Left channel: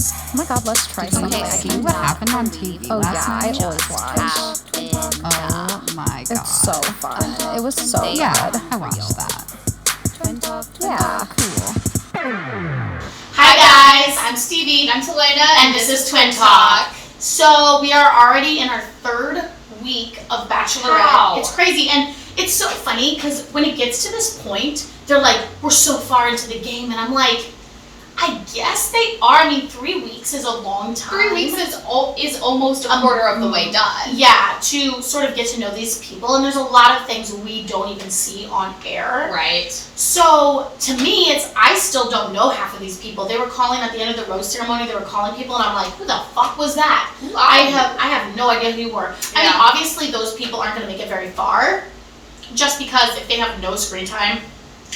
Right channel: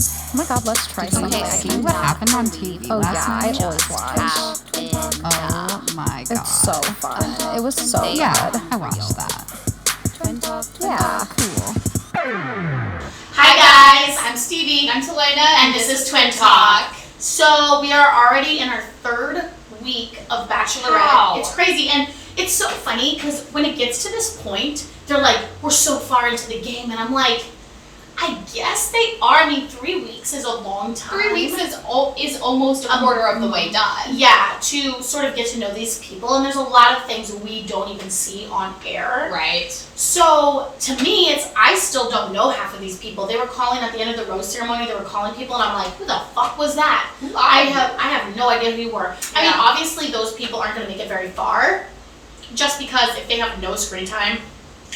Oh my god, let's try something. Okay, Okay, see what happened on TV last night? I always watch. Oh my god. It's so fun. It was so Yeah, good. I watched that. Yeah. Cool. Hi guys, I'm Stevie. I'm Talena, and this is Twin Talk. So we are already in our third week of Bachelorette. Wow. It's crazy, and it's so funny because when it gets to this point, they're like, we're so far into the game, and I'm like, I guess they are. I mean, 3 weeks is a long time. 3 weeks is almost a quarter of the way done. Yeah, to sort of get to know these people, and there's a lot of things we don't even see on air. Right. So to me, I still don't know half of these people. They were calling at the end of the rose ceremony. They were calling people, and I'm like, who the fuck was that? I have no idea who you were. I mean, obviously those people aren't going to make it very far, just because if they have no screen time,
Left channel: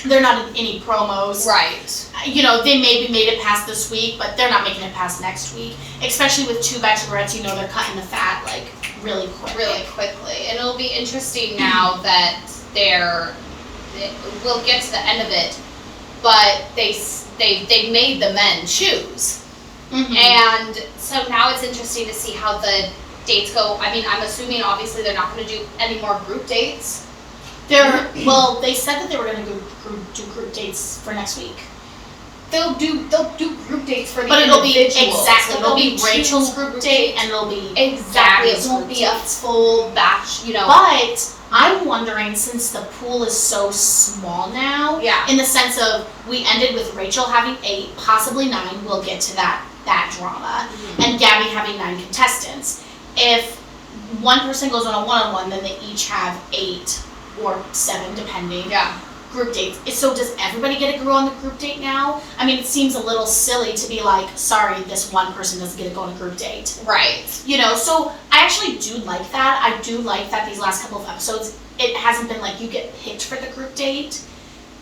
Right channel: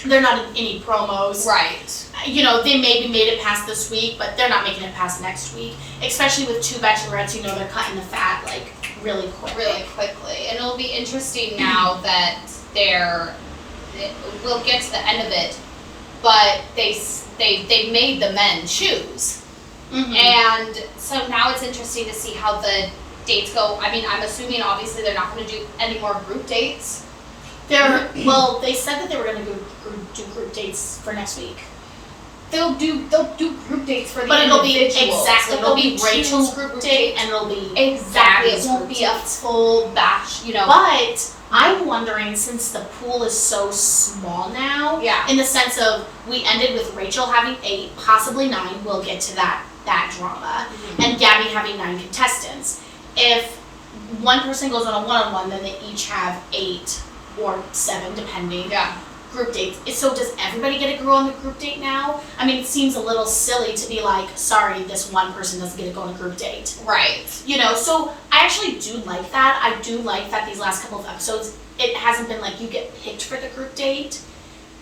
they're not in any promos. Right. You know, they maybe made it past this week, but they're not making it past next week. Especially with 2 bachelorettes, you know, they're cutting the fat like really quick. Really quickly. And it'll be interesting now that we'll get to the end of it, but they made the men choose. Mm-hmm. And so now it's interesting to see how the dates go. I mean, I'm assuming obviously they're not going to do any more group dates. They said that they were going to do group dates for next week. They'll do group dates for the but it'll individuals. Be exactly. So it'll be two Rachel's group date, and it'll be exactly. Gabby's It won't group be a date. full batch, you know. But I'm wondering, since the pool is so small now, in the sense of we ended with Rachel having 8, possibly 9. We'll get to that drama, and Gabby having 9 contestants. If one person goes on a one-on-one, then they each have 8 or 7, depending. Yeah. Group dates. So does everybody get to go on the group date now? I mean, it seems a little silly to be like, sorry, this one person doesn't get to go on a group date. Right. You know, so I actually do like that. I do like that these last couple of episodes, it hasn't been like you get picked for the group date.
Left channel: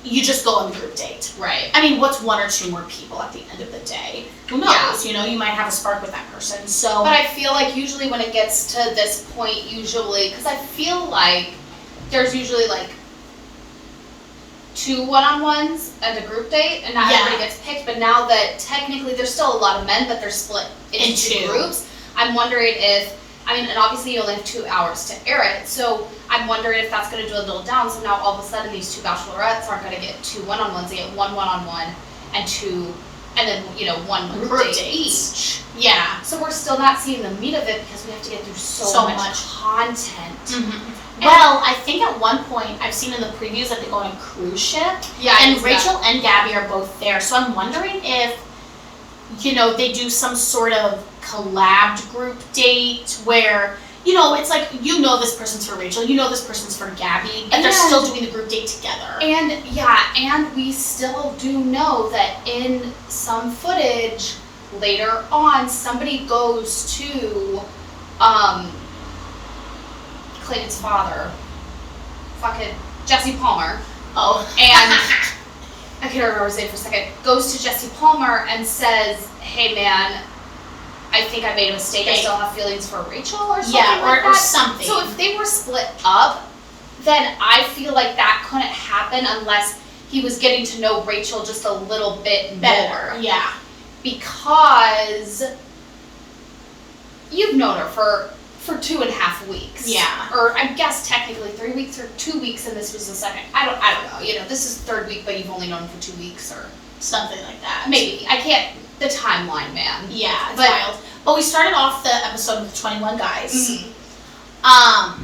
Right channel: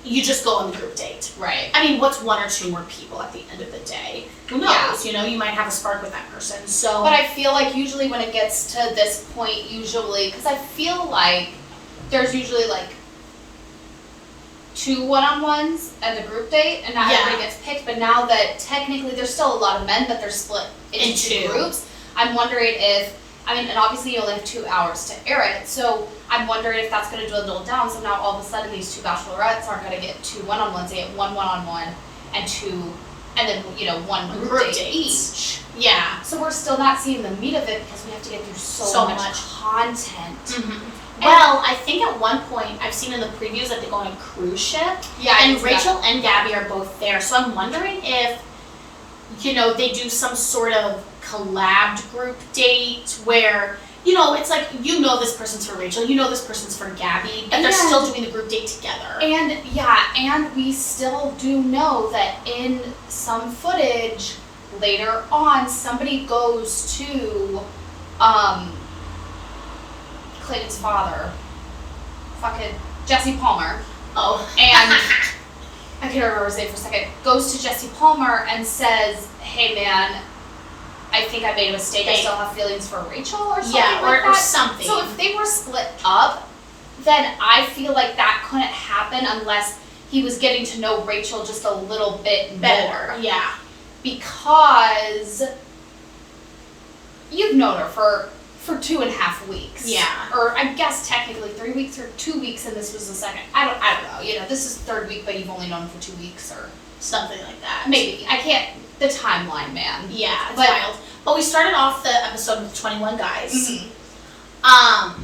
You just go on the group date. Right. I mean, what's 1 or 2 more people at the end of the day? Who knows? Yeah. You know, you might have a spark with that person. So. But I feel like usually when it gets to this point, because I feel like there's usually like 2 one-on-ones and a group date, and not everybody gets picked. But now that technically there's still a lot of men, but they're split into 2 groups, I'm wondering if, and obviously you only have 2 hours to air it, so I'm wondering if that's going to dwindle down. So now all of a sudden these 2 bachelorettes aren't going to get 2 one-on-ones; they get 1 one-on-one and 2, and then 1 group date each. Yeah. So we're still not seeing the meat of it because we have to get through so much content. Mm-hmm. Well, I think at one point I've seen in the previews that they go on a cruise ship. Yeah. And Rachel and Gabby are both there. So I'm wondering if, they do some sort of collabed group date where, it's like, this person's for Rachel, this person's for Gabby, but they're still doing the group date together. And we still do know that in some footage later on, somebody goes to, Clayton's father, fucking Jesse Palmer. Oh. And I can't remember his name for a second. Goes to Jesse Palmer and says, "Hey man, I think I made a mistake. I still have feelings for Rachel," or something like that. Or something. So if they were split up, then I feel like that couldn't happen unless he was getting to know Rachel just a little bit better. more. Yeah. Because you've known her for 2.5 weeks. Yeah. Or I guess technically 3 weeks or 2 weeks, and this was the second. I don't know. This is 3rd week, but you've only known for 2 weeks or something like that. Maybe. I can't. The timeline, man. Yeah, it's wild. But we started off the episode with 21 guys. Mm-hmm.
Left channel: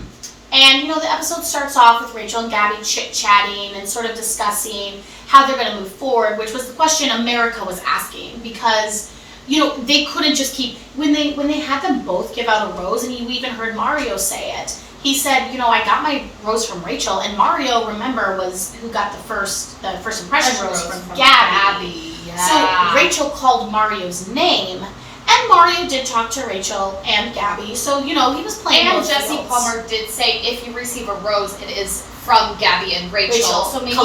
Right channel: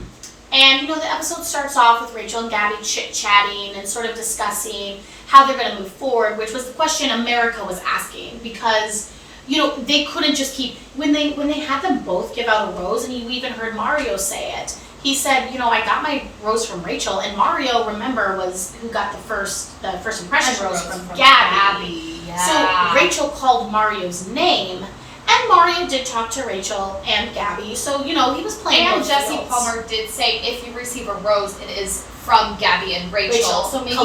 And the episode starts off with Rachel and Gabby chit-chatting and sort of discussing how they're going to move forward, which was the question America was asking, because they couldn't just keep, when they had them both give out a rose, and you even heard Mario say it. He said, I got my rose from Rachel, and Mario, remember, was who got the first impression rose from Gabby. Yeah. So Rachel called Mario's name, and Mario did talk to Rachel and Gabby, so he was playing and both Jesse fields. Palmer did say if you receive a rose, it is from Gabby and Rachel. So maybe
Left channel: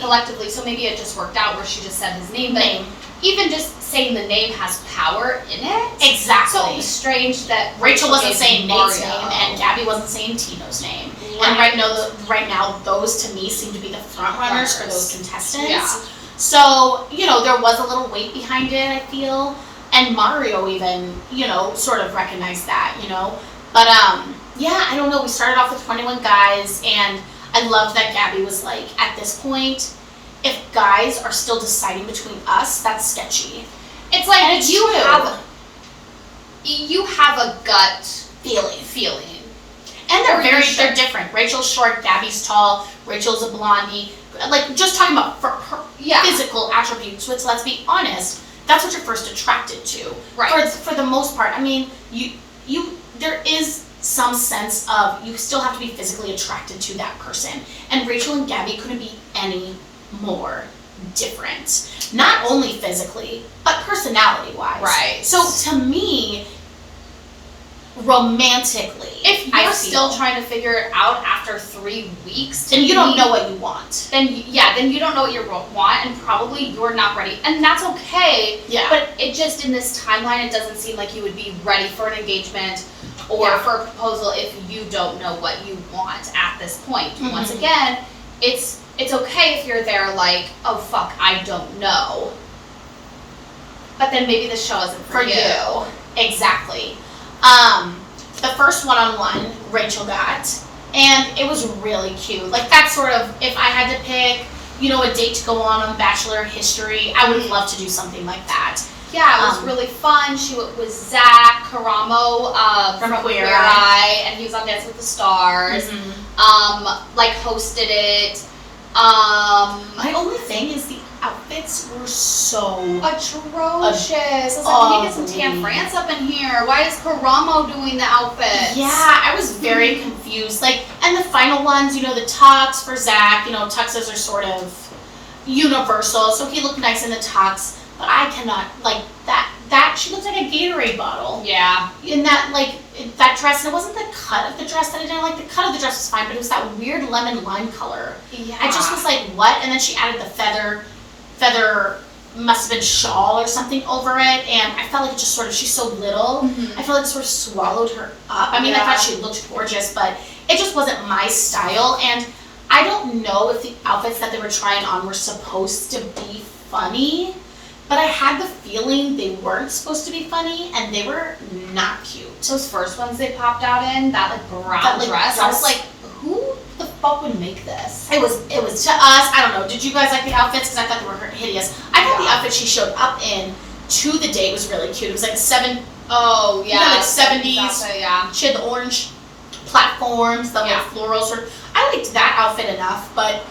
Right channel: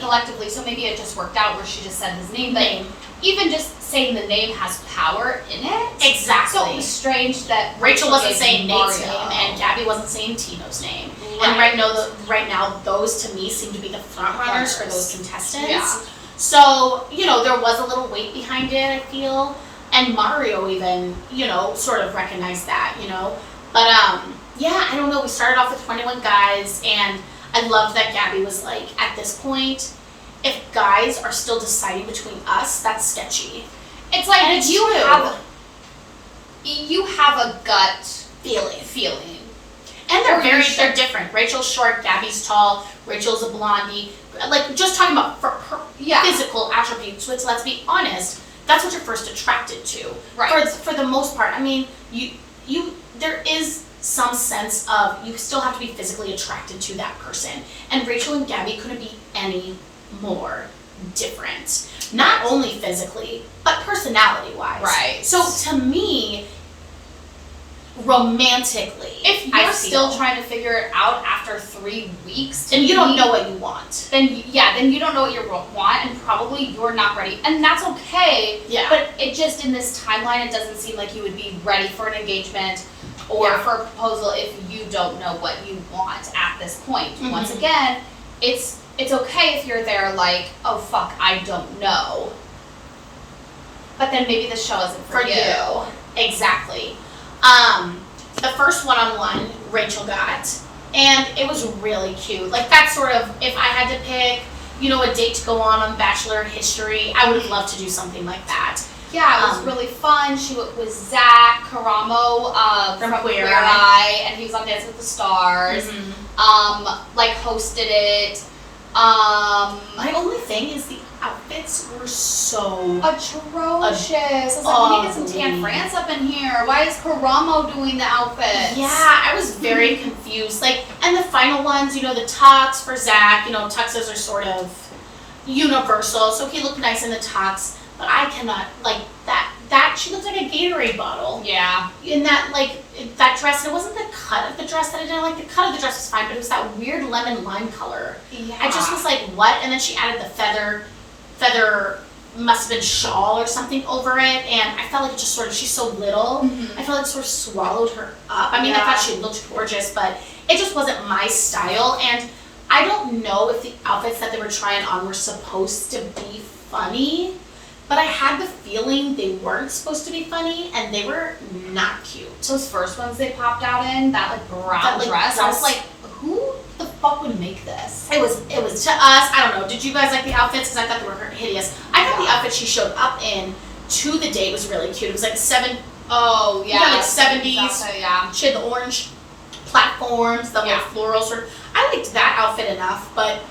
collectively. So maybe it just worked out where she just said his name. But even just saying the name has power in it. Exactly. So it was strange that Rachel wasn't saying Nate's name and Gabby wasn't saying Tino's name. Right. And right now, those to me seem to be the front runners for those contestants. Yeah. So, there was a little weight behind it, I feel. And Mario even, sort of recognized that, But, yeah, I don't know. We started off with 21 guys, and I love that Gabby was like, at this point, if guys are still deciding between us, that's sketchy. It's like, and it's you true. have a gut feeling. And they're different. Rachel's short, Gabby's tall, Rachel's a blondie. Like, just talking about her physical attributes, which, let's be honest, that's what you're first attracted to. Right. For the most part. I mean, there is some sense of you still have to be physically attracted to that person. And Rachel and Gabby couldn't be any more different. Not only physically, but personality-wise. Right. So, to me, romantically, if you're still trying to figure it out after 3 weeks, and you don't know what you want, then you don't know what you want, and probably you're not ready, and that's okay. Yeah. But it just, in this timeline, it doesn't seem like you would be ready for an engagement or for a proposal if you don't know what you want at this point. Mm-hmm. Once again, it's okay if you're there like, oh fuck, I don't know. But then maybe the show isn't for you. Exactly. The first one-on-one Rachel got, and it was really cute. Like, that sort of, if I had to pick, a date to go on Bachelor history, I would love to do something like that. Yeah, it was really fun. She was Zach Karamo from Queer Eye, and he was on Dancing with the Stars. Mm-hmm. Hosted it. My only thing is the outfits were so atrocious. I was like, we need to get some Tan France up in here. Why is Karamo doing the outfits? Yeah, I was very confused. Like, and the final ones, the tux for Zach, tuxes are sort of universal, so he looked nice in the tux, but I cannot, like, that she looked like a Gatorade bottle. Yeah. In that, like, that dress, and it wasn't the cut of the dress that I didn't like. The cut of the dress was fine, but it was that weird lemon lime color. Yeah. I just was like, what? And then she added the feather must have been shawl or something over it, and I felt like it just sort of, she's so little, I felt like it sort of swallowed her up. I mean, I thought she looked gorgeous, but it just wasn't my style, and I don't know if the outfits that they were trying on were supposed to be funny, but I had the feeling they weren't supposed to be funny, and they were not cute. Those first ones they popped out in, that like brown dress, I was like, who the fuck would make this? It was to us, I don't know, did you guys like the outfits? Because I thought they were hideous. I thought the outfit she showed up in to the date was really cute. It was like like 70s. Exactly, yeah. She had the orange platforms, the like floral sort of. I liked that outfit enough, but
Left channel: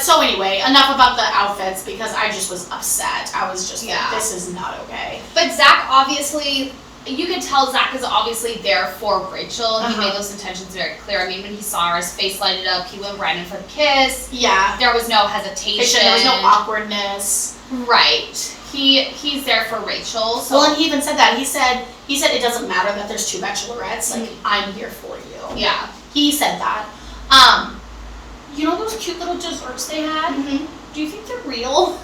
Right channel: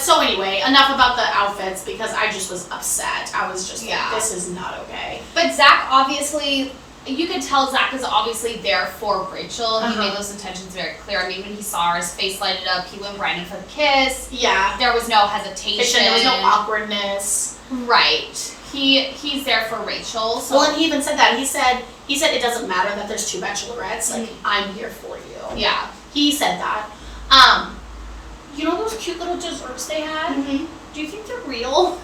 so anyway, enough about the outfits because I just was upset. I was just like, this is not okay. But Zach, obviously, you can tell Zach is obviously there for Rachel. He made those intentions very clear. I mean, when he saw her, his face lighted up. He went right in for the kiss. Yeah. There was no hesitation. There was no awkwardness. Right. He's there for Rachel. So. Well, and he even said that. He said it doesn't matter that there's 2 bachelorettes. Like, I'm here for you. Yeah. He said that. Those cute little desserts they had? Do you think they're real?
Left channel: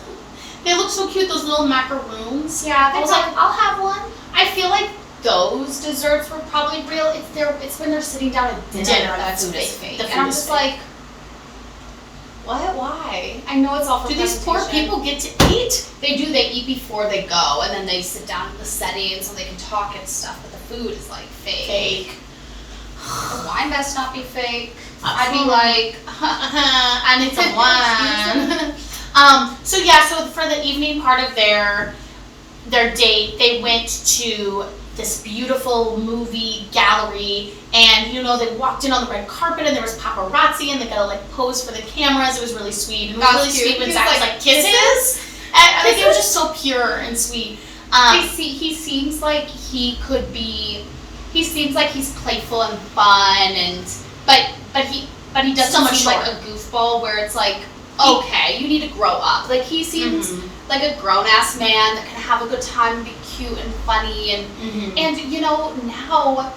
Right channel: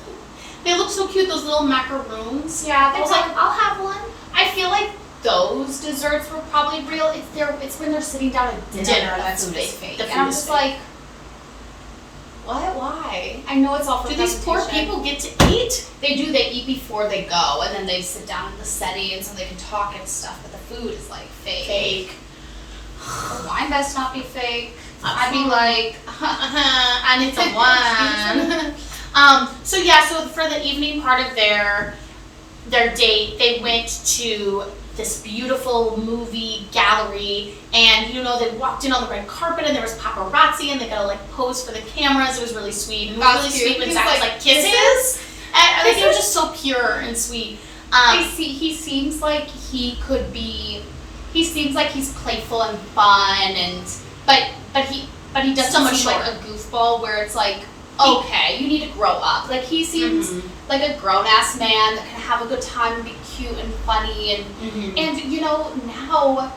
They look so cute, those little macaroons. Yeah, I was like, I'll have one. I feel like those desserts were probably real. It's when they're sitting down at dinner that food is fake. And I'm just like, what? Why? I know it's all for presentation. Do these poor people get to eat? They do. They eat before they go, and then they sit down in the setting so they can talk and stuff, but the food is like fake. The wine best not be fake. I'd be like, I need some wine. So for the evening part of their date, they went to this beautiful movie gallery, and they walked in on the red carpet, and there was paparazzi, and they got to like pose for the cameras. It was really sweet. And it was really sweet when Zach was like kisses. And they were just so pure and sweet. He seems like he could be. He seems like he's playful and fun, but he doesn't seem like a goofball where it's like, okay, you need to grow up. Like, he seems like a grown-ass man that can have a good time and be cute and funny. And now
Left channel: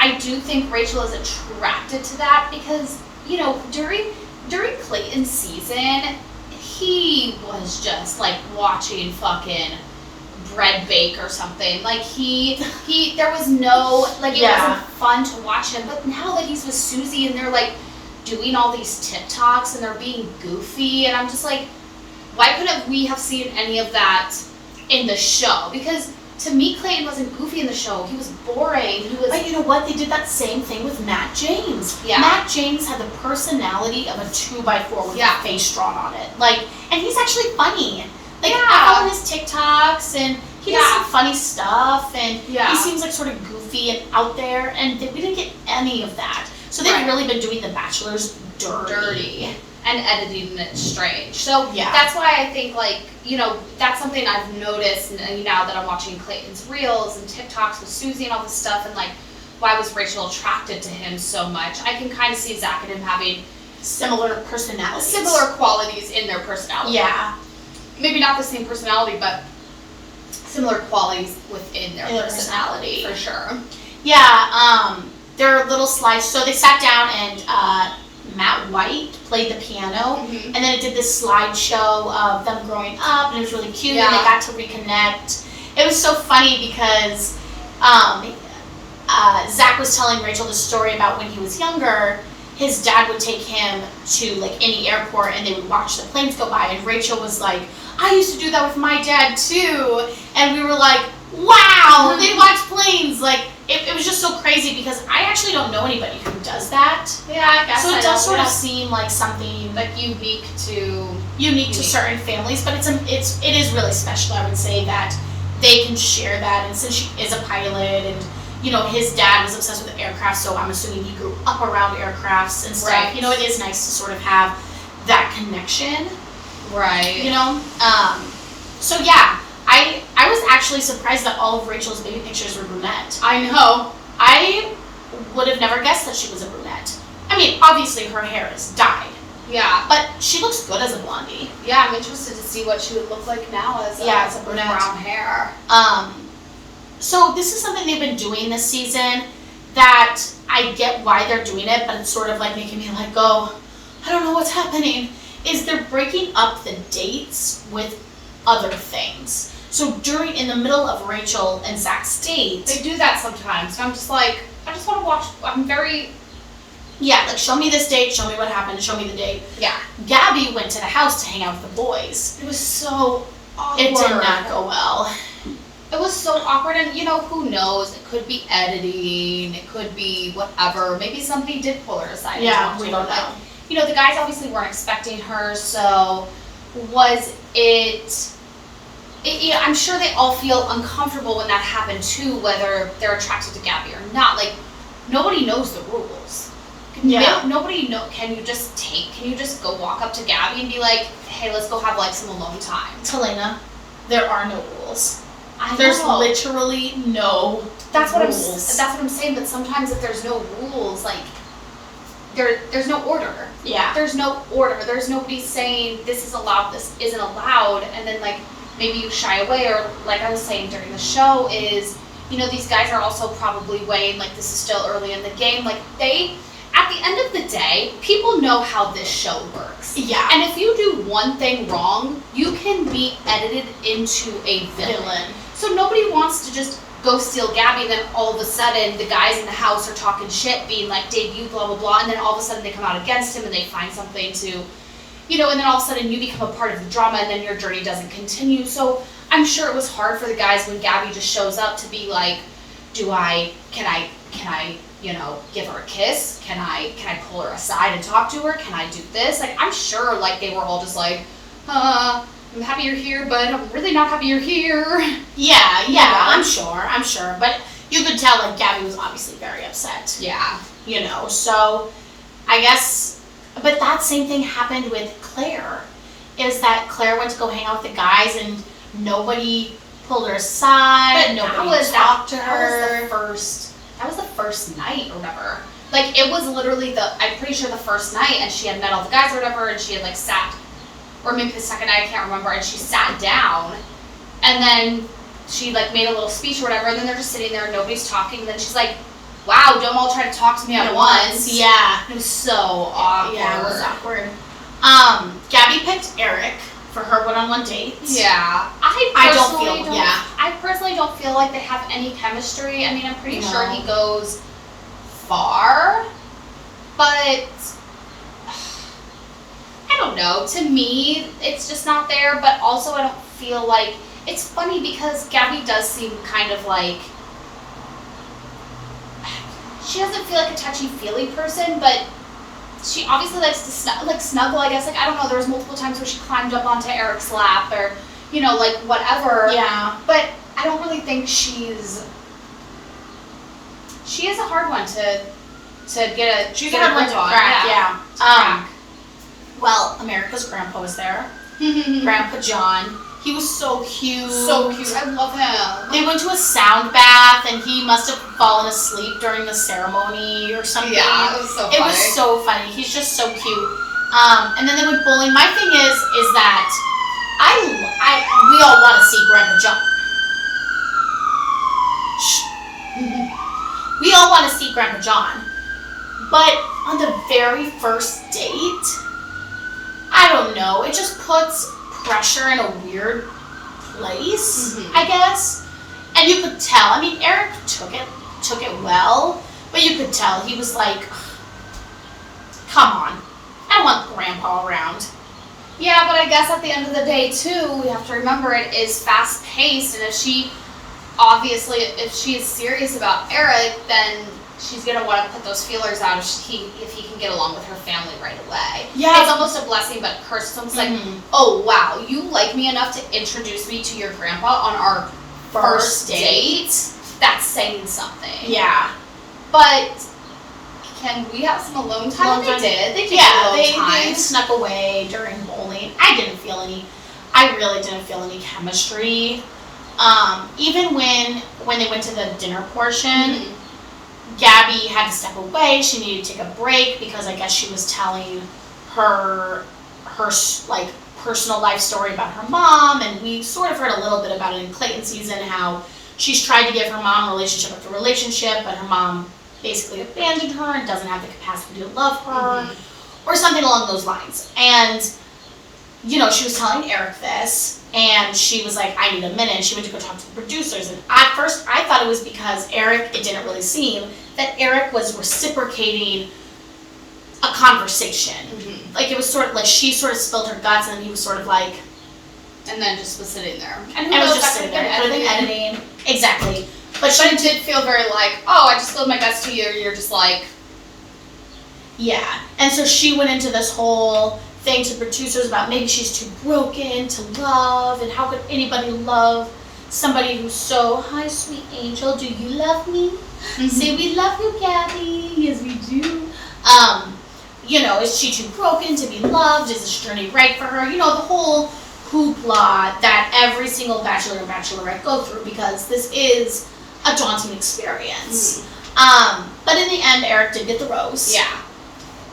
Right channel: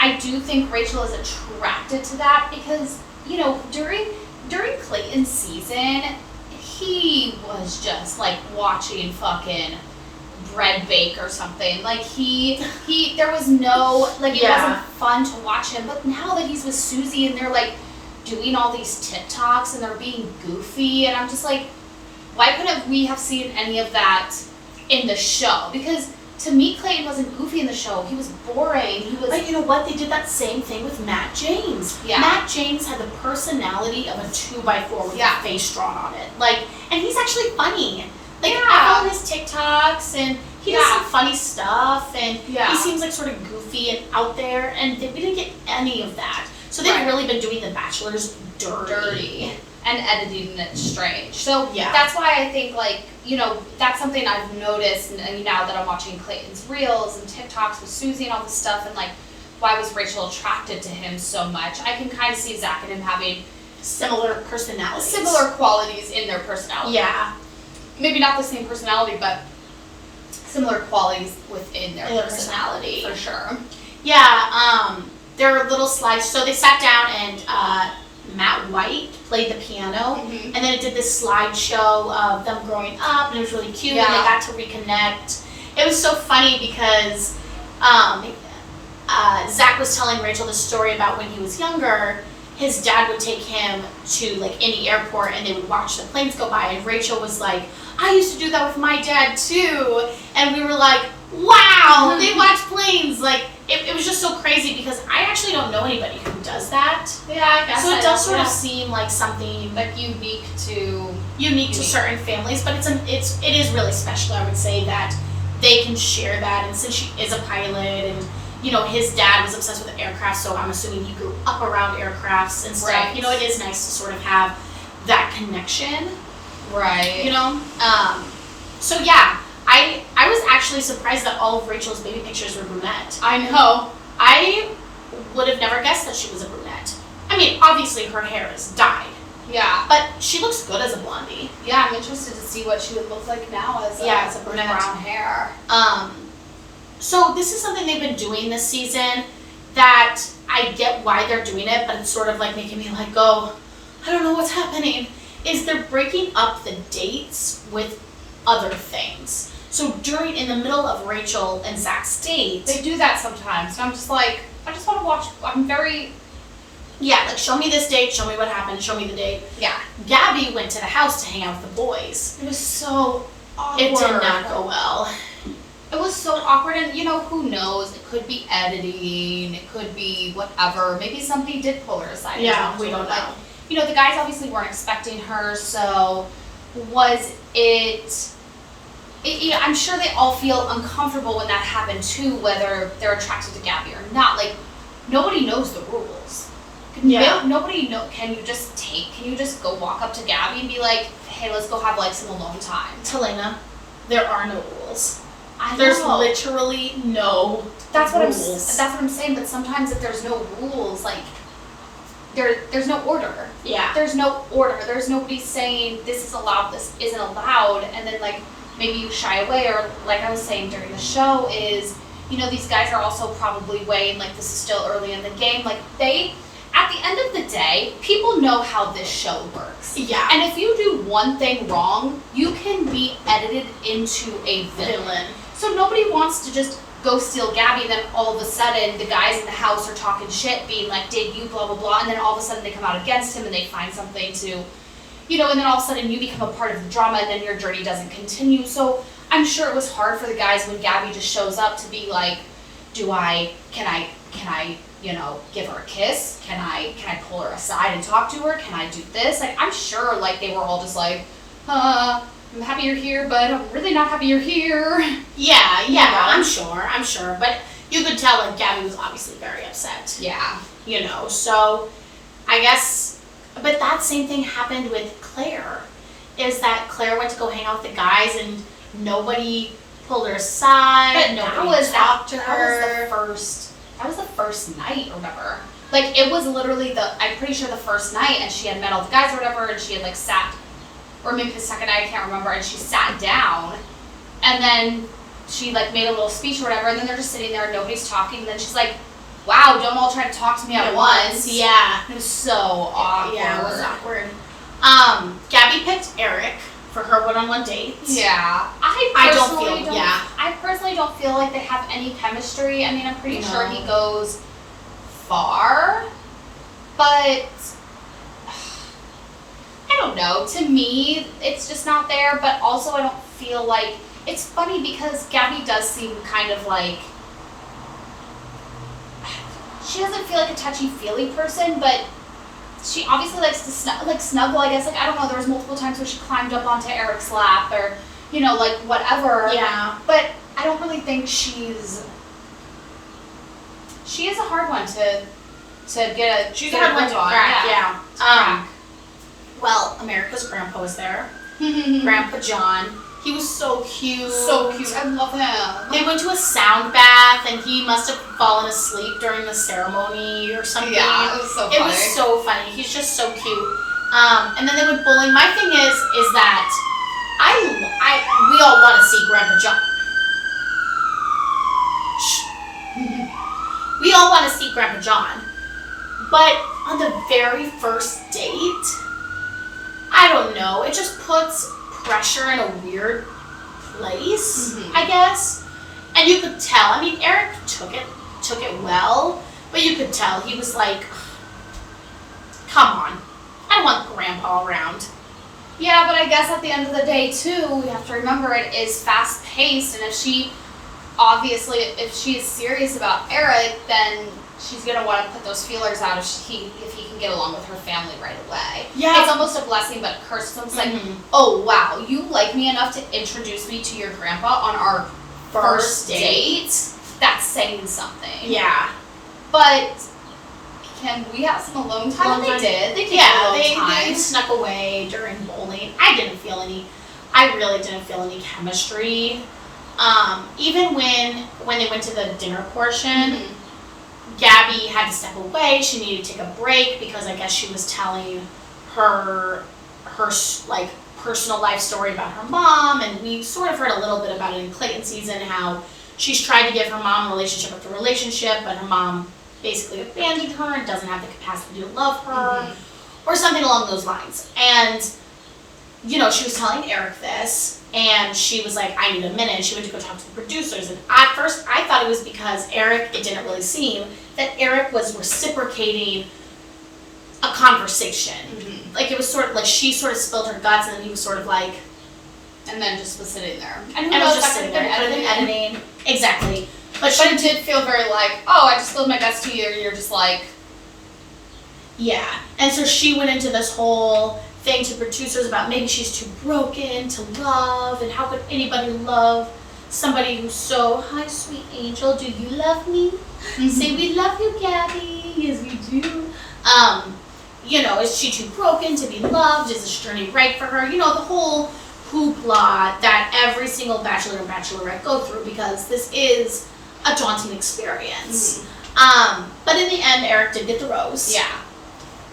I do think Rachel is attracted to that because, during Clayton's season, he was just, like, watching fucking bread bake or something. Like, there was no, like, it wasn't fun to watch him. But now that he's with Susie and they're, like, doing all these TikToks and they're being goofy, and I'm just like, why couldn't we have seen any of that in the show? Because to me, Clayton wasn't goofy in the show. He was boring. He was. But you know what? They did that same thing with Matt James. Yeah. Matt James had the personality of a 2x4 with a face drawn on it. Like, and he's actually funny. Like, I follow his TikToks, and he does some funny stuff, and he seems like sort of goofy and out there, and we didn't get any of that. So they've really been doing The Bachelor's dirty. And editing it strange. So that's why I think, like, you know, that's something I've noticed now that I'm watching Clayton's Reels and TikToks with Susie and all this stuff, and like, why was Rachel attracted to him so much? I can kind of see Zach and him having similar personalities. Similar qualities in their personality. Yeah. Maybe not the same personality, but similar qualities within their personality. For sure. Yeah, their little slides. So they sat down and Matt White played the piano, and then it did this slideshow of them growing up, and it was really cute, and they got to reconnect. It was so funny because Zach was telling Rachel the story about when he was younger, his dad would take him to like any airport and they would watch the planes go by, and Rachel was like, I used to do that with my dad too, and we were like, wow, they watch planes. Like, it was just so crazy because I actually don't know anybody who does that. Yeah, I guess. So it does sort of seem like something like unique to certain families, but it is really special. I would say that they can share that, and since she is a pilot, and you know his dad was obsessed with aircraft, so I'm assuming he grew up around aircrafts and stuff. Right. You know, it is nice to sort of have that connection. Right. You know, so yeah. I was actually surprised that all of Rachel's baby pictures were brunette. I know. I would have never guessed that she was a brunette. I mean, obviously her hair is dyed. Yeah. But she looks good as a blondie. Yeah, I'm interested to see what she would look like now as a brunette. Brown hair. So this is something they've been doing this season that I get why they're doing it, but it's sort of like making me like go, I don't know what's happening, is they're breaking up the dates with other things. So in the middle of Rachel and Zach's date, they do that sometimes. And I'm just like, I just want to watch. I'm very. Yeah, like show me this date, show me what happened, show me the date. Yeah. Gabby went to the house to hang out with the boys. It was so awkward. It did not go well. It was so awkward, and you know, who knows? It could be editing, it could be whatever. Maybe somebody did pull her aside. Yeah, we don't know. Like, you know, the guys obviously weren't expecting her, so was it? I'm sure they all feel uncomfortable when that happened too, whether they're attracted to Gabby or not. Like, nobody knows the rules. Yeah. Nobody know. Can you just go walk up to Gabby and be like, hey, let's go have like some alone time? Talena, there are no rules. There's literally no that's rules. What I'm saying, but sometimes if there's no rules, like, there's no order. Yeah. There's no order. There's nobody saying this is allowed, this isn't allowed, and then like, maybe you shy away, or like I was saying during the show is, you know, these guys are also probably weighing, like, this is still early in the game. Like, at the end of the day, people know how this show works. Yeah. And if you do one thing wrong, you can be edited into a villain. So nobody wants to just go steal Gabby, and then all of a sudden the guys in the house are talking shit, being like, did you, blah, blah, blah, and then all of a sudden they come out against him and they find something to, you know, and then all of a sudden you become a part of the drama, and then your journey doesn't continue. So I'm sure it was hard for the guys when Gabby just shows up to be like, can I, you know, give her a kiss? Can I pull her aside and talk to her? Can I do this? Like, I'm sure, like, they were all just like, I'm happy you're here, but I'm really not happy you're here. Yeah, I'm sure. But you could tell, like, Gabby was obviously very upset. Yeah. You know, so I guess, but that same thing happened with Claire, is that Claire went to go hang out with the guys and nobody pulled her aside, but nobody talked to her. That was the first night or whatever. Like, it was literally I'm pretty sure the first night, and she had met all the guys or whatever, and she had like sat, or maybe the second night, I can't remember, and she sat down, and then she like made a little speech or whatever, and then they're just sitting there and nobody's talking, and then she's like, wow, don't all try to talk to me at once. Yeah. It was so awkward. Yeah, it was awkward. Gabby picked Eric for her one-on-one dates. Yeah. I personally don't feel like they have any chemistry. I mean, I'm pretty sure he goes far, but I don't know. To me, it's just not there, but also I don't feel like it's funny because Gabby does seem kind of like, she doesn't feel like a touchy-feely person, but she obviously likes to snuggle, I guess. Like, I don't know, there was multiple times where she climbed up onto Eric's lap or, you know, like, whatever. Yeah. But I don't really think she is a hard one to get a She's a hard one to crack, yeah. Crack. Well, America's grandpa was there. Grandpa John. He was so cute. So cute. I love him. They went to a sound bath, and he must have fallen asleep during the ceremony or something. Yeah, it was so funny. It was so funny. He's just so cute. And then they went bowling. My thing is that we all want to see Grandpa John. We all want to see Grandpa John. But on the very first date, I don't know. It just puts pressure in a weird place, I guess. And you could tell. I mean, Eric took it well, but you could tell he was like, come on. I don't want Grandpa around. Yeah, but I guess at the end of the day, too, we have to remember it is fast-paced, and if she is serious about Eric, then she's going to want to put those feelers out if he can get along with her family right away. Yeah. It's almost a blessing, but a curse. It's almost like, oh, wow, you like me enough to introduce me to your grandpa on our first date? That's saying something. Yeah. But can we have some alone time? They did. They They snuck away during bowling. I really didn't feel any chemistry. Even when they went to the dinner portion, Gabby had to step away. She needed to take a break because I guess she was telling her like personal life story about her mom, and we sort of heard a little bit about it in Clayton season, how she's tried to give her mom relationship after relationship, but her mom basically abandoned her and doesn't have the capacity to love her, or something along those lines. And you know, she was telling Eric this, and she was like, I need a minute. She went to go talk to the producers, and at first I thought it was because it didn't really seem that Eric was reciprocating a conversation. Like, it was sort of like she sort of spilled her guts, and then he was sort of like, and then just was sitting there. And was just sitting there. Editing. Exactly. But it did feel very like, oh, I just spilled my guts to you, you're just like, yeah. And so she went into this whole thing to producers about maybe she's too broken to love, and how could anybody love somebody who's so, hi sweet angel, do you love me? Say we love you, Gabby. Yes, we do. You know, is she too broken to be loved? Is this journey right for her? You know, the whole hoopla that every single bachelor and bachelorette go through, because this is a daunting experience. But in the end, Eric did get the rose. Yeah.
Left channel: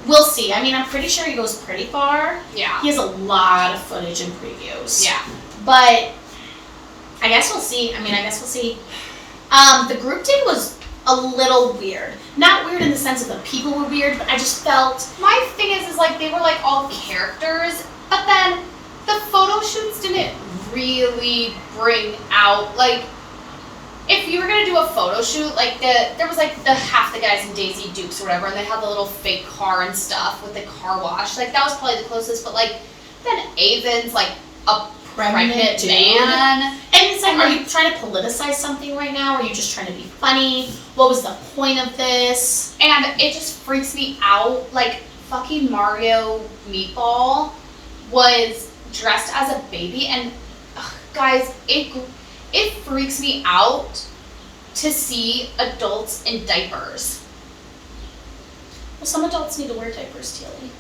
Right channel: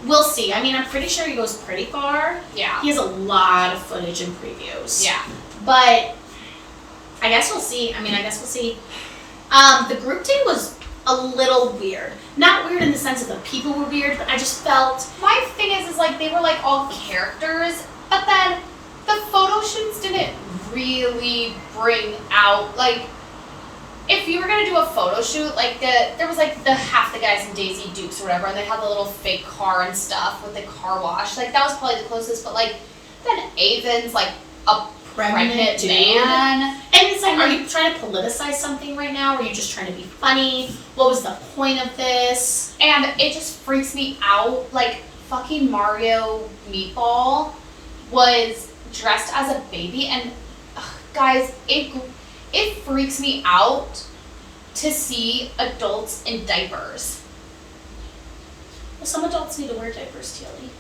We'll see. I mean, I'm pretty sure he goes pretty far. Yeah. He has a lot of footage and previews. Yeah. But I guess we'll see. The group date was a little weird. Not weird in the sense that the people were weird, but I just felt... My thing is like, they were like all characters, but then the photo shoots didn't really bring out, like, if you were gonna do a photo shoot, like there was like the half the guys in Daisy Dukes or whatever, and they had the little fake car and stuff with the car wash. Like, that was probably the closest, but like then Avon's like a pregnant man. And it's like, are you trying to politicize something right now? Or are you just trying to be funny? What was the point of this? And it just freaks me out. Like, fucking Mario Meatball was dressed as a baby, and guys, it freaks me out to see adults in diapers. Well, some adults need to wear diapers, Tilly.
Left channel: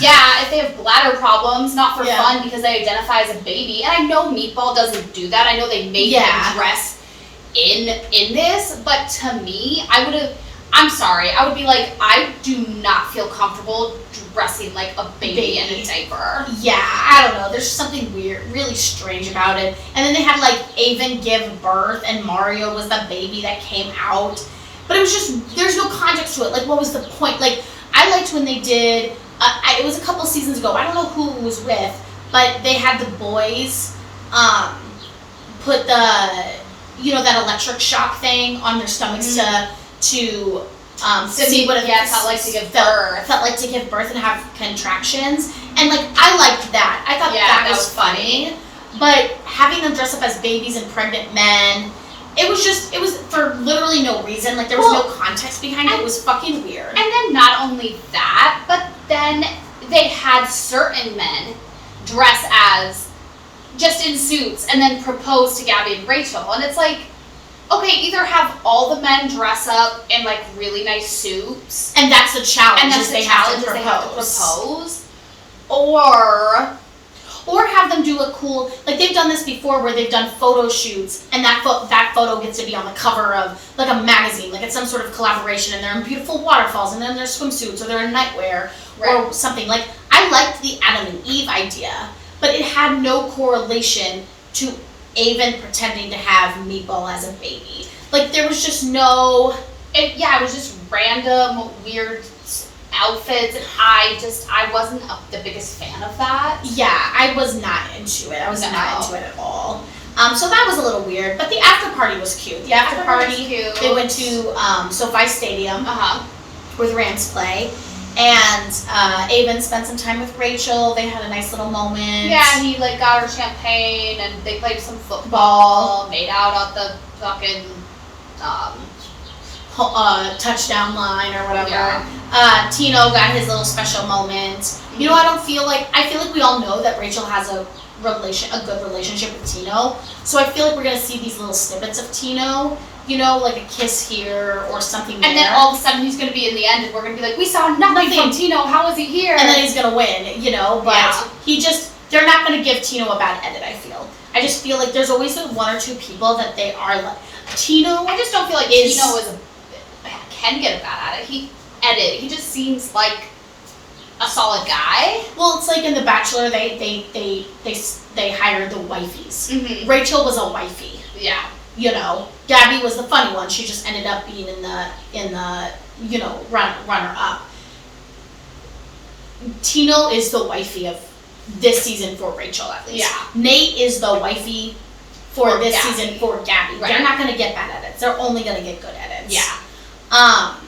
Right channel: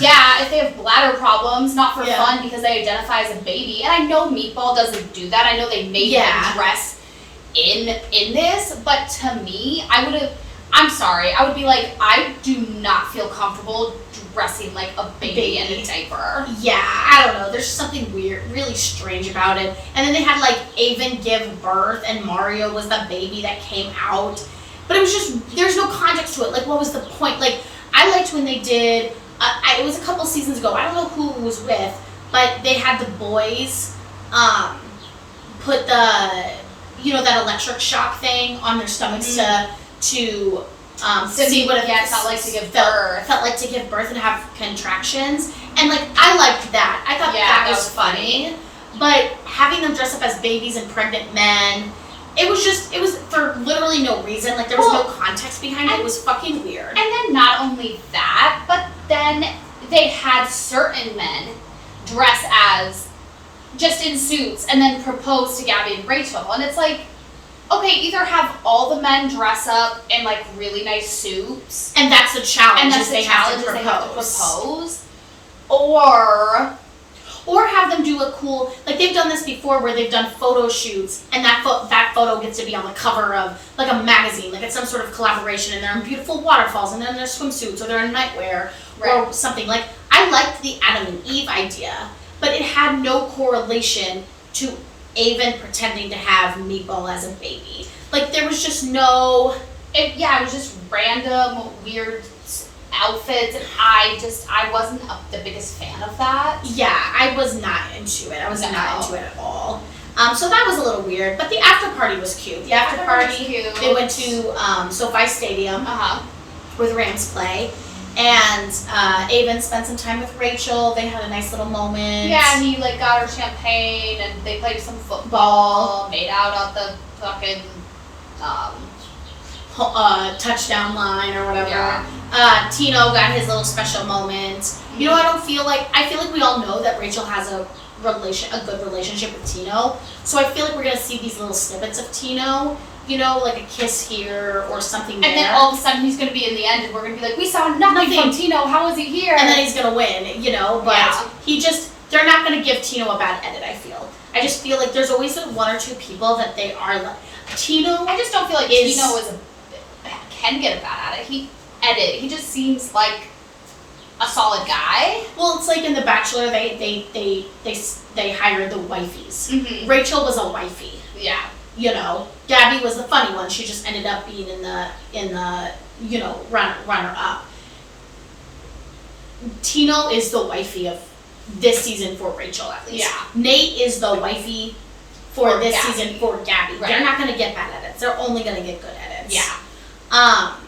Yeah, if they have bladder problems, not for fun, because they identify as a baby. And I know Meatball doesn't do that. I know they made him dress in this, but to me, I would be like, I do not feel comfortable dressing like a baby in a diaper. Yeah, I don't know. There's something weird, really strange about it. And then they had like Avon give birth, and Mario was the baby that came out. But it was just, there's no context to it. Like, what was the point? Like, I liked when they did, it was a couple seasons ago, I don't know who it was with, but they had the boys put the, you know, that electric shock thing on their stomachs to see what it felt like to give birth. Felt like to give birth and have contractions. And like, I liked that. I thought that was funny. But having them dress up as babies and pregnant men, it was for literally no reason. Like, there was no context behind it. It was fucking weird. And then not only that, but then they had certain men dress as just in suits and then propose to Gabby and Rachel. And it's like, okay, either have all the men dress up in like really nice suits. And that's the challenge. And that's they the challenge, have they have to propose. Or have them do a cool, like they've done this before where they've done photo shoots and that photo gets to be on the cover of like a magazine, like it's some sort of collaboration and they're in beautiful waterfalls and then they're swimsuits or they're in nightwear or something. Like, I liked the Adam and Eve idea, but it had no correlation to Avon pretending to have Meatball as a baby. Like, there was just no... It was just random, weird outfits, and I wasn't the biggest fan of that. Yeah, I was not into it. I was not into it at all. So that was a little weird, but the after party was cute. The after party was cute. They went to SoFi Stadium with Rams play, and Avon spent some time with Rachel. They had a nice little moment. Yeah, and he like got her champagne, and they played some football, made out at the fucking touchdown line or whatever. Yeah. Tino got his little special moment. You know, I feel like we all know that Rachel has a good relationship with Tino. So I feel like we're gonna see these little snippets of Tino, you know, like a kiss here or something there. And then all of a sudden he's gonna be in the end and we're gonna be like, we saw nothing from Tino, how is he here? And then he's gonna win, you know, but they're not gonna give Tino a bad edit, I feel. I just feel like there's always one or two people that they are like, Tino. I just don't feel like Tino can get a bad edit. He just seems like a solid guy. Well, it's like in The Bachelor, they hired the wifeys. Mm-hmm. Rachel was a wifey. Yeah. You know, Gabby was the funny one. She just ended up being in the you know, runner up. Tino is the wifey of this season for Rachel, at least. Yeah. Nate is the wifey for this Gabby. season for Gabby. Right. They're not going to get bad edits. They're only going to get good edits. Yeah.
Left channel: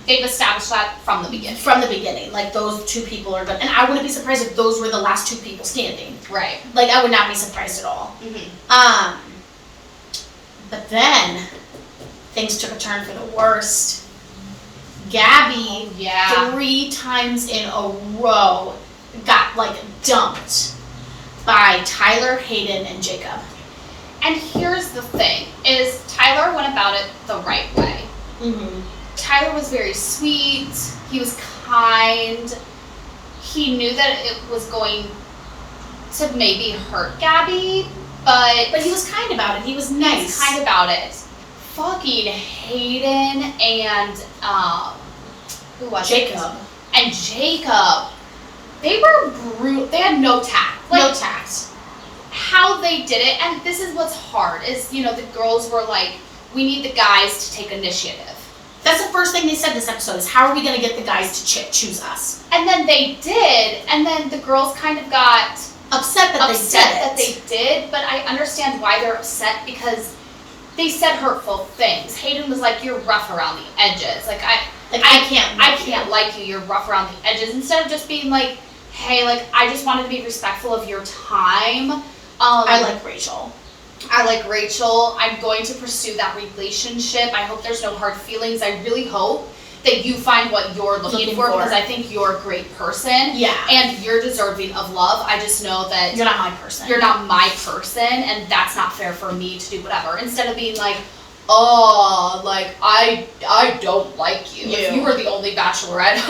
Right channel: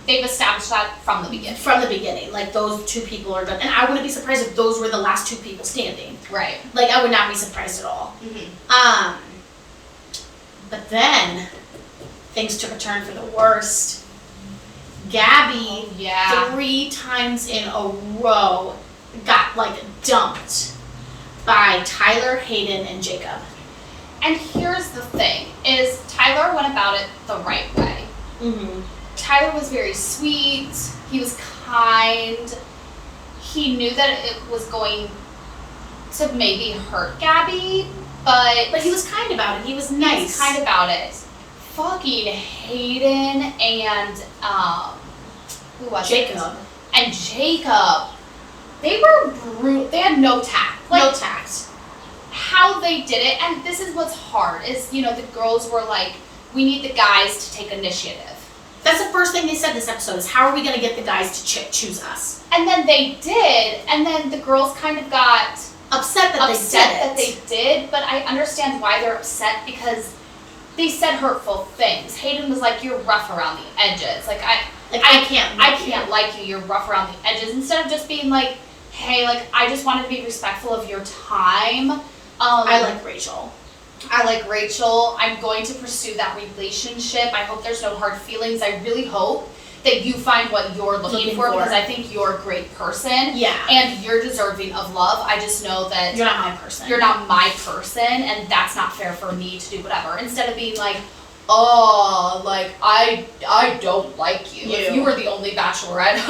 They've established that from the beginning. From the beginning, like those two people are good, and I wouldn't be surprised if those were the last two people standing. Right. Like, I would not be surprised at all. Mm-hmm. But then things took a turn for the worst. Gabby, 3 times in a row, got like dumped by Tyler, Hayden, and Jacob. And here's the thing: is Tyler went about it the right way. Mm-hmm. Tyler was very sweet. He was kind. He knew that it was going to maybe hurt Gabby, but he was kind about it. He was nice. He was kind about it. Fucking Hayden and who was Jacob. it? And Jacob. They were brutal. They had no tact. No tact. How they did it, and this is what's hard, is, you know, the girls were like, we need the guys to take initiative. That's the first thing they said this episode, is how are we going to get the guys to choose us? And then they did, and then the girls kind of got upset that they did, but I understand why they're upset, because they said hurtful things. Hayden was like, you're rough around the edges. Like, I can't like you, you're rough around the edges. Instead of just being like, hey, like, I just wanted to be respectful of your time. I like Rachel. I'm going to pursue that relationship. I hope there's no hard feelings. I really hope that you find what you're looking for, because I think you're a great person. Yeah. And you're deserving of love. I just know that you're not my person. You're not my person, and that's not fair for me to do whatever. Instead of being like, oh, like, I don't like you. If you were the only Bachelorette,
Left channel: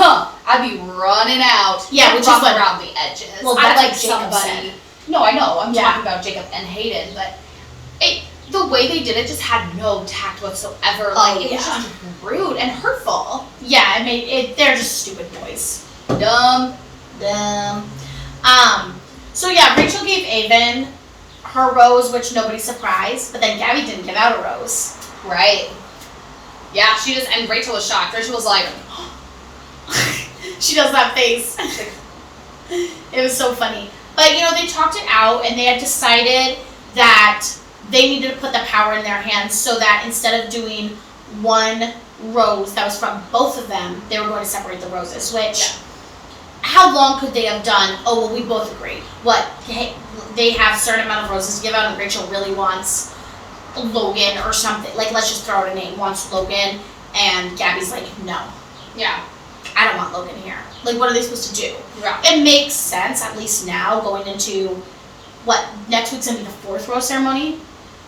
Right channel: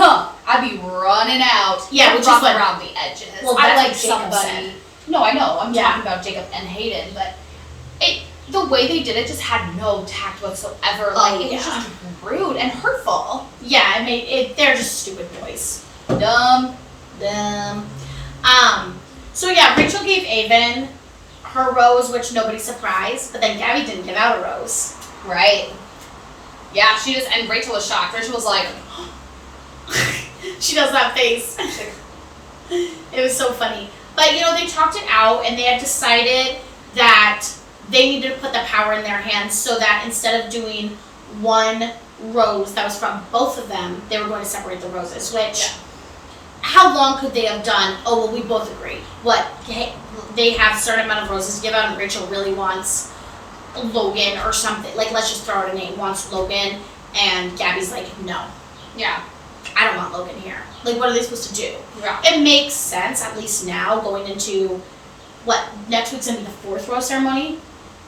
I'd be running out. Yeah, which is rough around the edges. Well, I like what Jacob somebody. said. No, I know. I'm talking about Jacob and Hayden, but the way they did it just had no tact whatsoever. Like, it was just rude and hurtful. Yeah, they're just stupid boys. Dumb. So yeah, Rachel gave Avon her rose, which nobody's surprised, but then Gabby didn't give out a rose. Right. Yeah, and Rachel was shocked. Rachel was like, she does that face. It was so funny. But, you know, they talked it out, and they had decided that they needed to put the power in their hands, so that instead of doing one rose that was from both of them, they were going to separate the roses, which how long could they have done? Oh, well, we both agree. What? Hey, they have a certain amount of roses to give out, and Rachel really wants Logan or something. Like, let's just throw out a name. Wants Logan, and Gabby's like, no. Yeah. I don't want Logan here. Like, what are they supposed to do? Yeah. It makes sense, at least now, going into, next week's going to be the 4th rose ceremony?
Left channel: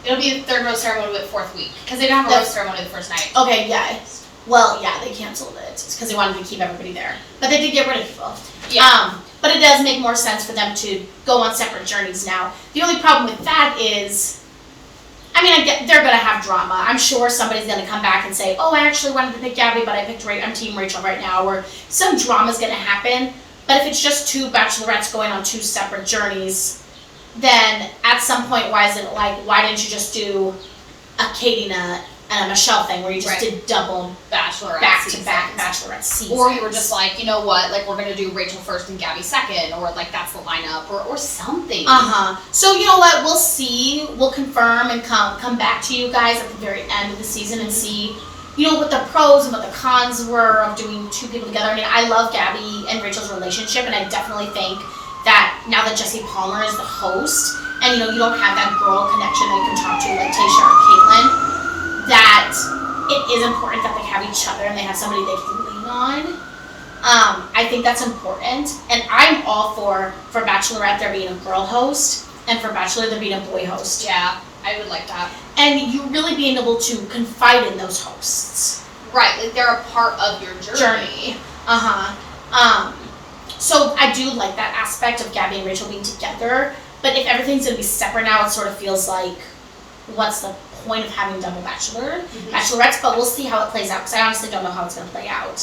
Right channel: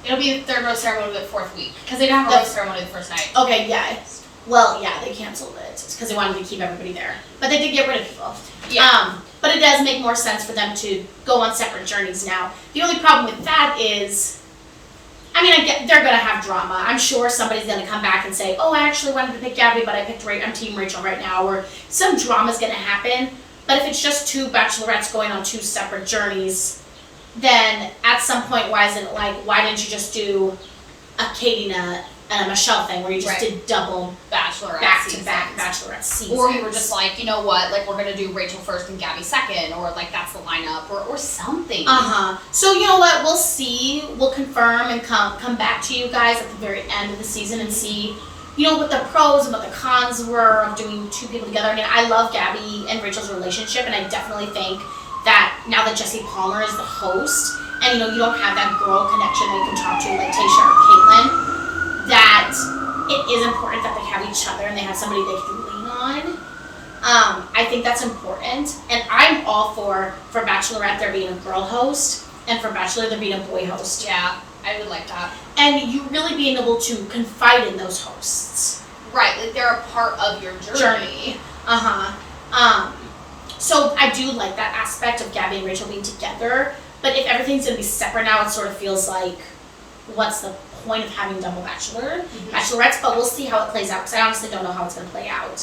It'll be the 3rd rose ceremony with 4th week. Because they don't have a rose ceremony the first night. Okay, yeah. Well, yeah, they canceled it because they wanted to keep everybody there. But they did get rid of people. Yeah. But it does make more sense for them to go on separate journeys now. The only problem with that is, I mean, they're going to have drama. I'm sure somebody's going to come back and say, oh, I actually wanted to pick Gabby, but I'm Team Rachel right now. Or some drama's going to happen. But if it's just 2 bachelorettes going on 2 separate journeys, then at some point, why didn't you just do a Katie and a Michelle thing where you just did double Bachelorette back-to-back Bachelorette seasons? Or you were just like, you know what, like, we're going to do Rachel first and Gabby second, or like that's the lineup, or something. So you know what, we'll see, we'll confirm and come back to you guys at the very end of the season and see, you know, what the pros and what the cons were of doing 2 people together. I mean, I love Gabby and Rachel's relationship, and I definitely think that now that Jesse Palmer is the host, and you know, you don't have that girl connection that you can talk to like Tayshia or Caitlyn, that it is important that they have each other and they have somebody they can lean on. I think that's important, and I'm all for Bachelorette there being a girl host, and for Bachelor there being a boy host. Yeah, I would like that. And you really being able to confide in those hosts. Right, like they're a part of your journey. So I do like that aspect of Gabby and Rachel being together, but if everything's going to be separate now, it sort of feels like, what's the point of having double bachelorettes? But we'll see how it plays out, because I honestly don't know how it's going to play out.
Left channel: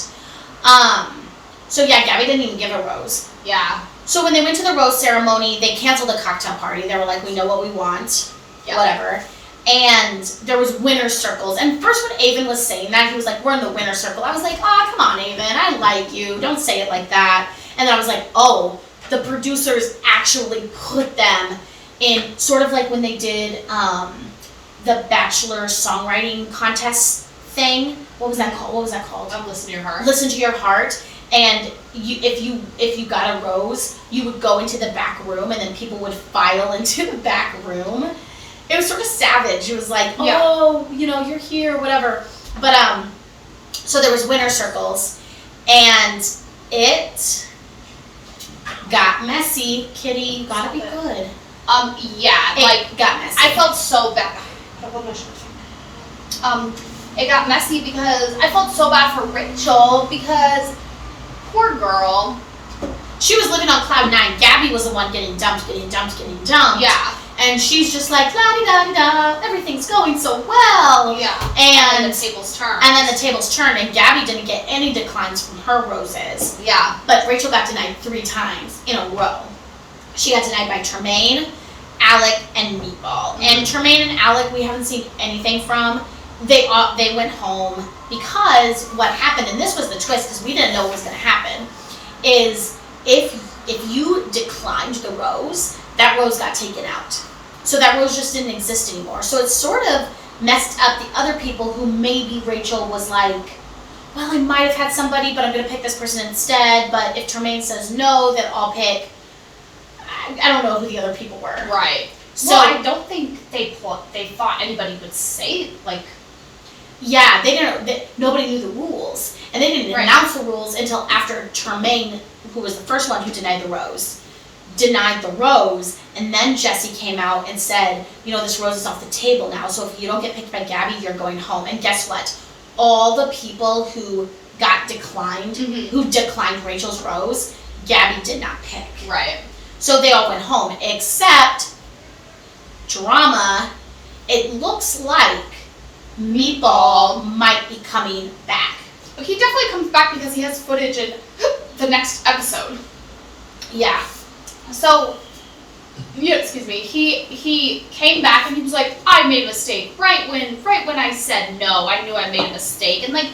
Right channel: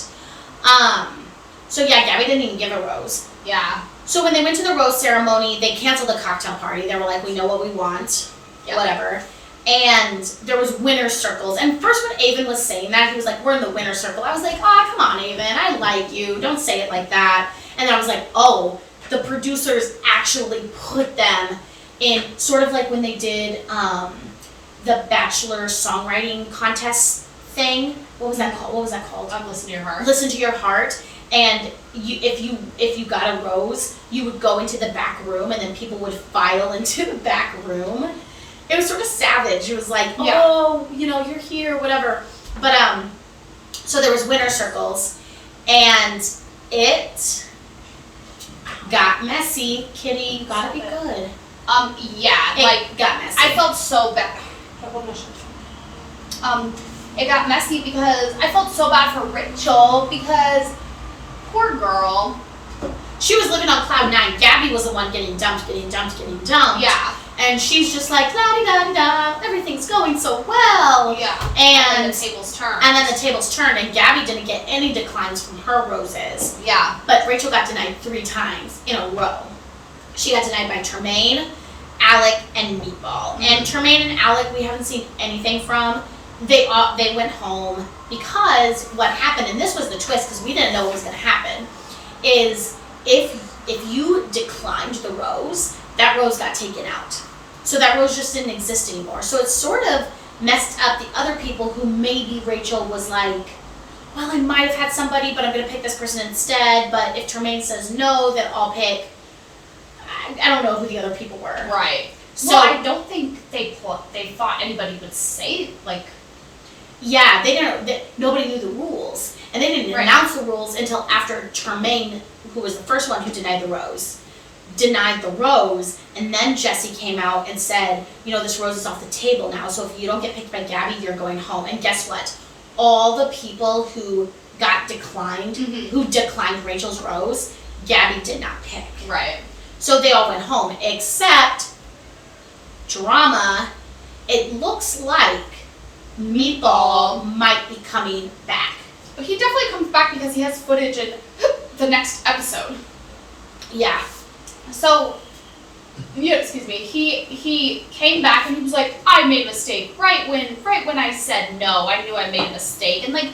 So yeah, Gabby didn't even give a rose. Yeah. So when they went to the rose ceremony, they canceled the cocktail party. They were like, we know what we want, whatever. And there was winner's circles. And first when Avon was saying that, he was like, we're in the winner's circle. I was like, oh, come on, Avon, I like you. Don't say it like that. And then I was like, oh, the producers actually put them in, sort of like when they did the Bachelor songwriting contest thing. What was that called? Listen to Your Heart. Listen to Your Heart. And if you got a rose, you would go into the back room, and then people would file into the back room. It was sort of savage. It was like, oh, you know, you're here, whatever. But so there was winner circles, and it got messy. Kitty, gotta be good. Yeah, It got messy. I felt so bad. It got messy because I felt so bad for Rachel, because poor girl. She was living on cloud 9. Gabby was the one getting dumped. Yeah. And she's just like, la-di-da-di-da, everything's going so well. Yeah. And then the tables turned. And then the tables turned, and Gabby didn't get any declines from her roses. Yeah. But Rachel got denied 3 times in a row. She got denied by Tremaine, Alec, and Meatball. Mm-hmm. And Tremaine and Alec, we haven't seen anything from. They went home because what happened, and this was the twist because we didn't know what was going to happen, is if you declined the rose, that rose got taken out. So that rose just didn't exist anymore. So it sort of messed up the other people who maybe Rachel was like, well, I might have had somebody, but I'm going to pick this person instead. But if Tremaine says no, then I'll pick, I don't know who the other people were. Right. So well, I don't think they thought anybody would say, like... Yeah, nobody knew the rules. And they didn't announce the rules until after Tremaine, who was the first one who denied the rose, and then Jesse came out and said, you know, this rose is off the table now, so if you don't get picked by Gabby, you're going home. And guess what? All the people who got declined, who declined Rachel's rose, Gabby did not pick. Right. So they all went home, except drama. It looks like Meatball might be coming back. He definitely comes back because he has footage in the next episode. Yeah. So, excuse me. He came back and he was like, I made a mistake. Right when I said no, I knew I made a mistake. And like,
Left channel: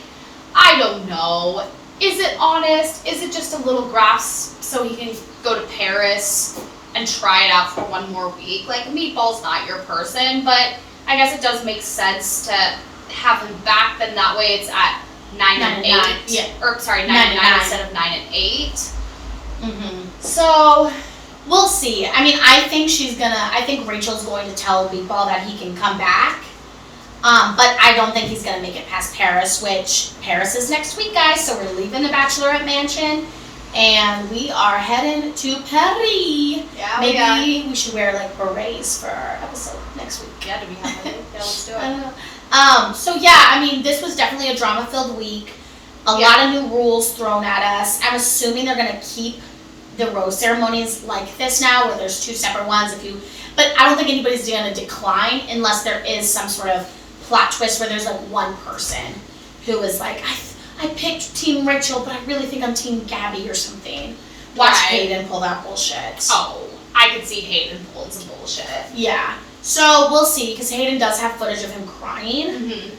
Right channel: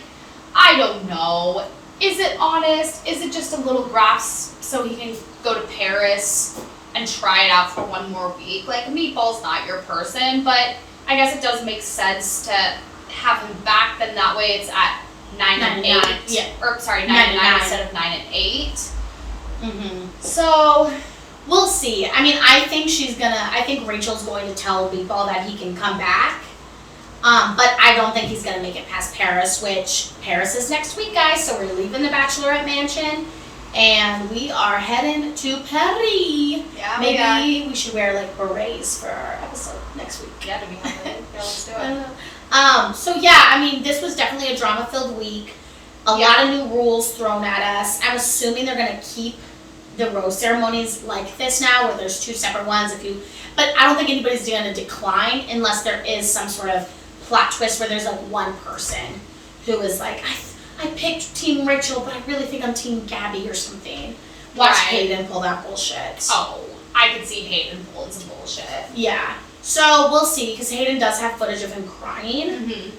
I don't know. Is it honest? Is it just a little grasp so he can go to Paris and try it out for one more week? Like, Meatball's not your person, but I guess it does make sense to have him back. Then that way it's at 9 and 8. Yeah. Or sorry, 9 and 9 instead of 9 and 8. So we'll see. I mean, I think Rachel's going to tell Big Ball that he can come back. But I don't think he's gonna make it past Paris, which Paris is next week, guys. So we're leaving the Bachelorette mansion and we are heading to Paris. Yeah, maybe we should wear like berets for our episode next week. Yeah, do we have it? Yeah, let's do it. So yeah, I mean, this was definitely a drama-filled week. A lot of new rules thrown at us. I'm assuming they're gonna keep the rose ceremonies like this now, where there's 2 separate ones. But I don't think anybody's gonna decline unless there is some sort of plot twist where there's like one person who is like, I picked Team Rachel, but I really think I'm Team Gabby or something. Watch Hayden pull that bullshit. Oh, I could see Hayden pulling some bullshit. Yeah. So we'll see, because Hayden does have footage of him crying.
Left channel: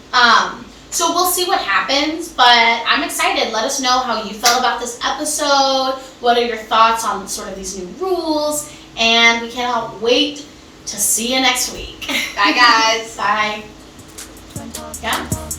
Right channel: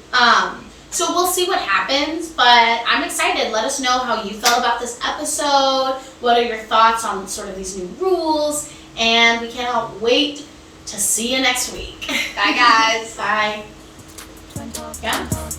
So we'll see what happens, but I'm excited. Let us know how you felt about this episode. What are your thoughts on sort of these new rules? And we cannot wait to see you next week. Bye, guys. Bye. Twin Talk. Yeah.